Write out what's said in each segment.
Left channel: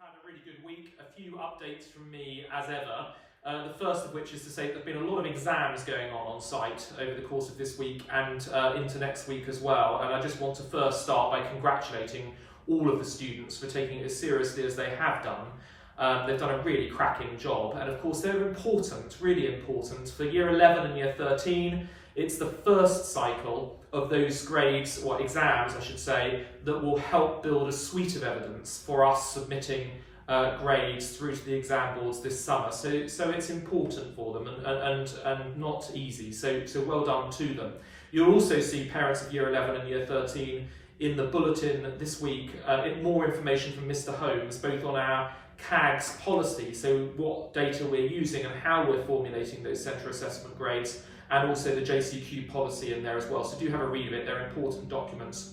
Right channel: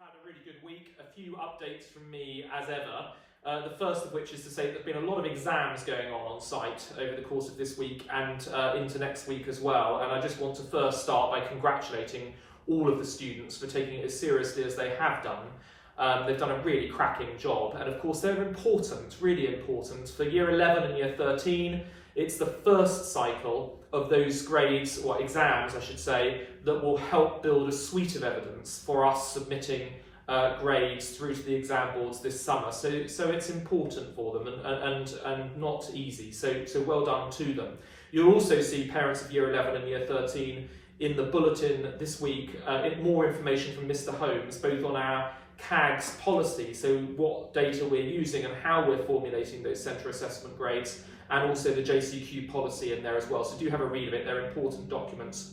had a really good week. A few updates from me as ever. The first of which is to say that there have been a lot of exams going on site over the course of this week and into next week as well. And I just want to first start by congratulating all of the students for taking it as seriously as they have done. They've done a really cracking job, and of course they're important, really important. For Year 11 and Year 13, it's the first cycle of those grades, or exams I should say, that will help build a suite of evidence for us submitting grades through to the exam boards this summer. So it's important for them and not easy, so well done to them. You'll also see parents of Year 11 and Year 13 in the bulletin this week, more information from Mr. Holmes, both on our CAGS policy, so what data we're using and how we're formulating those centre assessment grades, and also the JCQ policy in there as well. So do have a read of it, they're important documents.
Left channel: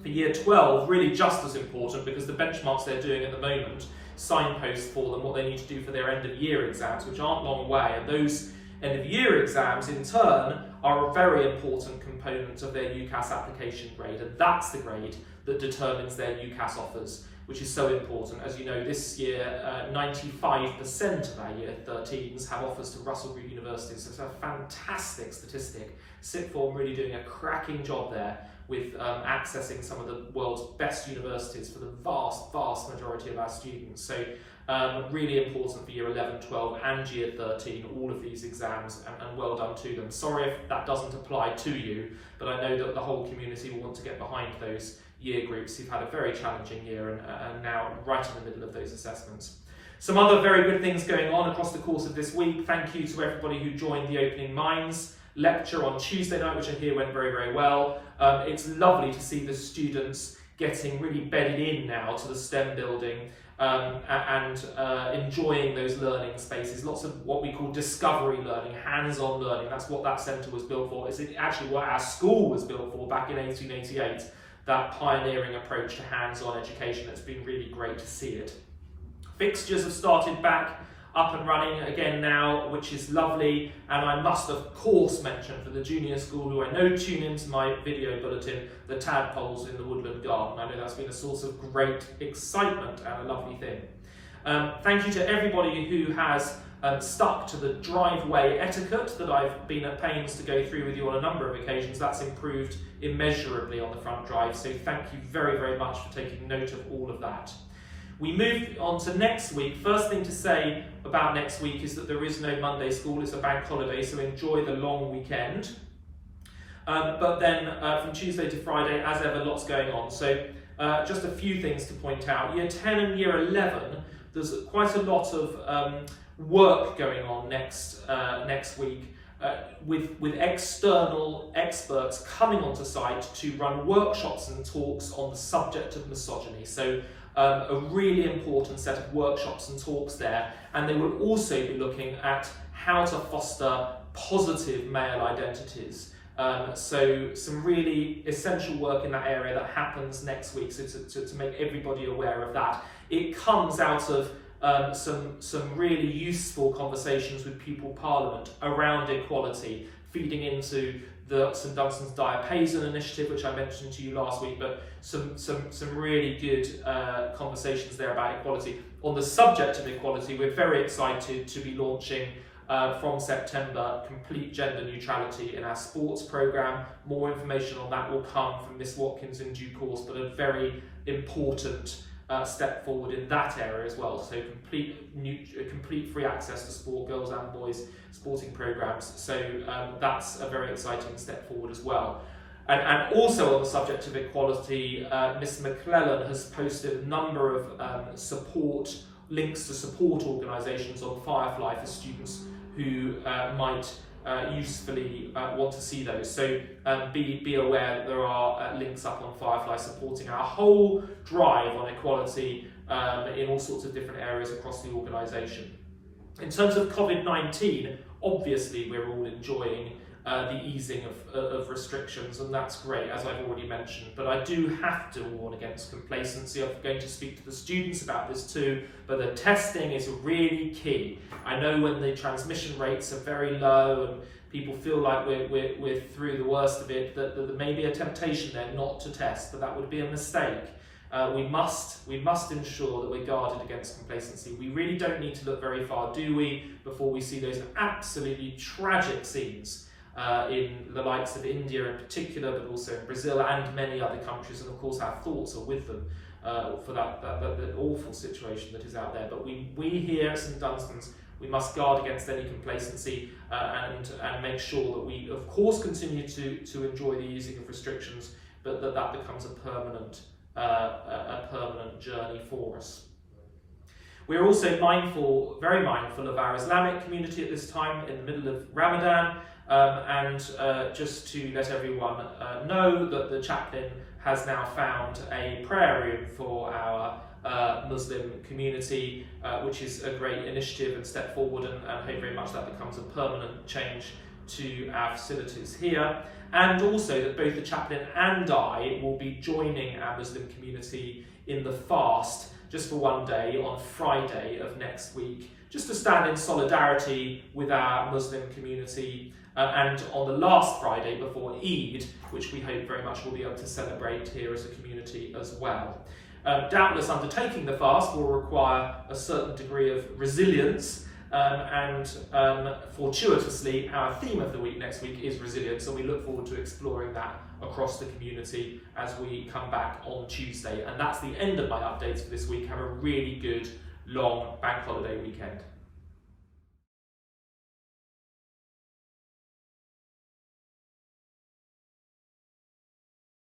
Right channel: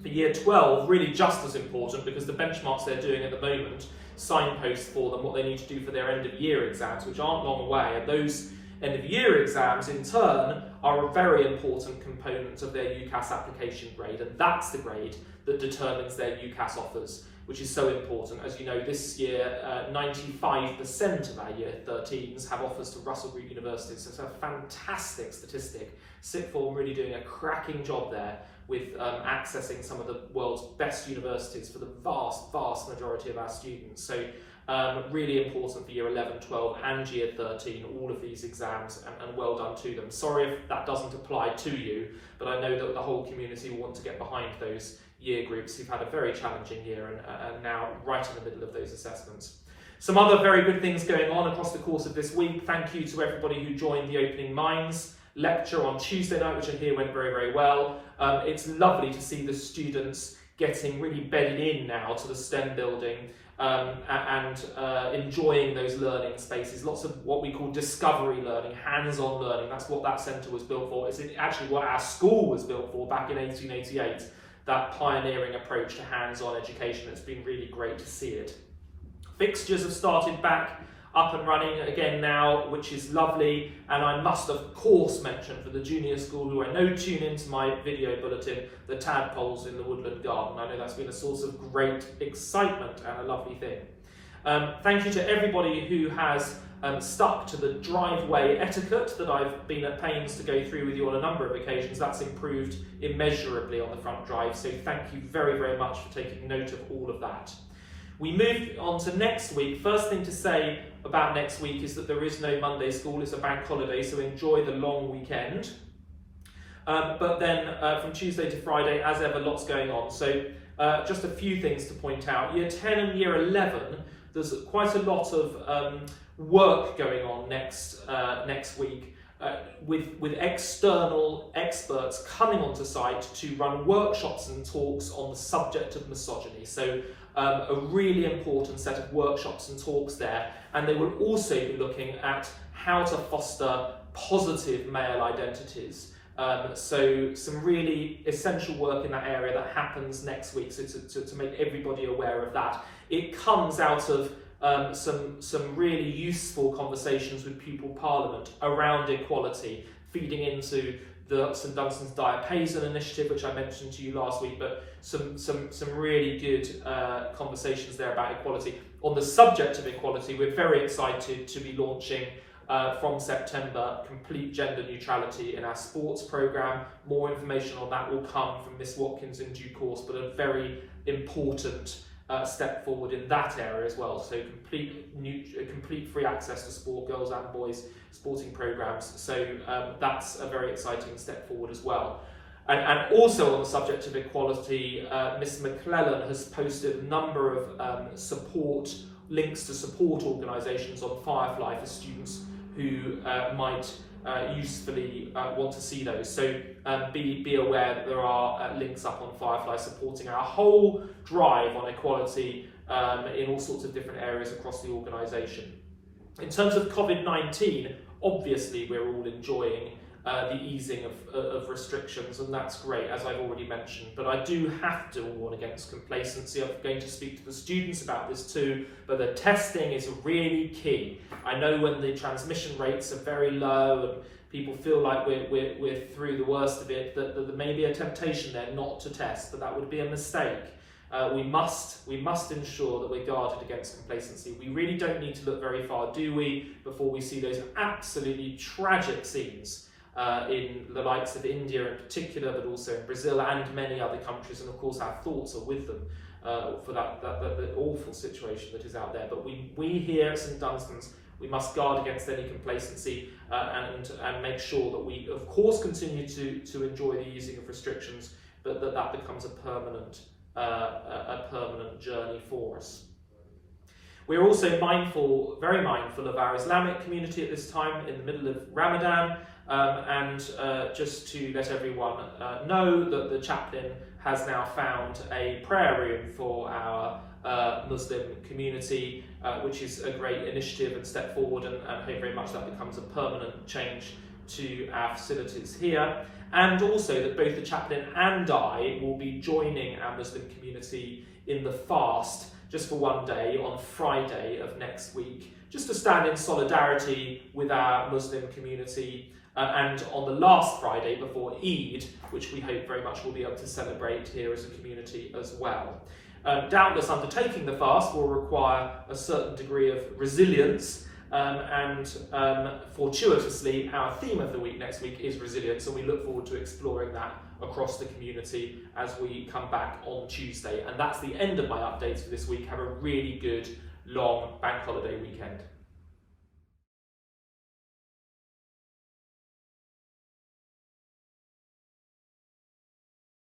For Year 12, really just as important, because the benchmarks they're doing at the moment signpost for them what they need to do for their end of year exams, which aren't long away, and those end of year exams in turn are a very important component of their UCAS application grade, and that's the grade that determines their UCAS offers, which is so important. As you know, this year 95% of our Year 13s have offers to Russell Group universities, so it's a fantastic statistic. Sixth Form really doing a cracking job there with accessing some of the world's best universities for the vast majority of our students. So really important for Year 11, 12 and Year 13, all of these exams, and well done to them. Sorry if that doesn't apply to you, but I know that the whole community will want to get behind those year groups who've had a very challenging year and now right in the middle of those assessments. Some other very good things going on across the course of this week. Thank you to everybody who joined the Opening Minds lecture on Tuesday night, which I hear went very well. It's lovely to see the students getting really bedded in now to the STEM building and enjoying those learning spaces. Lots of what we call discovery learning, hands-on learning. That's what that centre was built for. It's actually what our school was built for back in 1888. That pioneering approach to hands-on education. It's been really great to see it. Fixtures have started back up and running again now, which is lovely, and I must of course mention for the junior school, who I know tune into my video bulletin, the tadpoles in the woodland garden. I know that's been a source of great excitement and a lovely thing. Thank you to everybody who has stuck to the driveway etiquette that I've been at pains to go through with you on a number of occasions. That's improved immeasurably on the front drive, so thank you very much for taking note of all of that. We move on to next week. First thing to say about next week is that there is no Monday school, it's a bank holiday, so enjoy the long weekend. But then from Tuesday to Friday, as ever, lots going on. So just a few things to point out. Year 10 and Year 11, there's quite a lot of work going on next week with external experts coming onto site to run workshops and talks on the subject of misogyny. So a really important set of workshops and talks there, and they will also be looking at how to foster positive male identities. So some really essential work in that area that happens next week, so to make everybody aware of that. It comes out of some really useful conversations with Pupil Parliament around equality, feeding into the St Dunstan's Diapason initiative, which I mentioned to you last week, but some really good conversations there about equality. On the subject of equality, we're very excited to be launching from September complete gender neutrality in our sports programme. More information on that will come from Miss Watkins in due course, but a very important step forward in that area as well. So complete free access to sport, girls and boys sporting programmes. So that's a very exciting step forward as well. And also on the subject of equality, Miss McClellan has posted a number of links to support organisations on Firefly for students who might usefully want to see those. So be aware that there are links up on Firefly supporting our whole drive on equality in all sorts of different areas across the organisation. In terms of COVID-19, obviously we're all enjoying the easing of restrictions, and that's great, as I've already mentioned, but I do have to warn against complacency. I'm going to speak to the students about this too, but the testing is really key. I know when the transmission rates are very low and people feel like we're through the worst of it, that there may be a temptation there not to test, but that would be a mistake. we must ensure that we're guarded against complacency. We really don't need to look very far, do we, before we see those absolutely tragic scenes in the likes of India in particular, but also in Brazil and many other countries, and of course our thoughts are with them for that awful situation that is out there. But we here at St Dunstan's, we must guard against any complacency and make sure that we, of course, continue to enjoy the easing of restrictions, but that becomes a permanent journey for us. We're also very mindful of our Islamic community at this time in the middle of Ramadan, and just to let everyone know that the chaplain has now found a prayer room for our Muslim community, which is a great initiative and step forward, and hope very much that becomes a permanent change to our facilities here. And also that both the chaplain and I will be joining our Muslim community in the fast just for one day on Friday of next week, just to stand in solidarity with our Muslim community, and on the last Friday before Eid, which we hope very much we'll be able to celebrate here as a community as well. Doubtless undertaking the fast will require a certain degree of resilience, and fortuitously our theme of the week next week is resilience, and we look forward to exploring that across the community as we come back on Tuesday. And that's the end of my updates for this week. Have a really good long bank holiday weekend.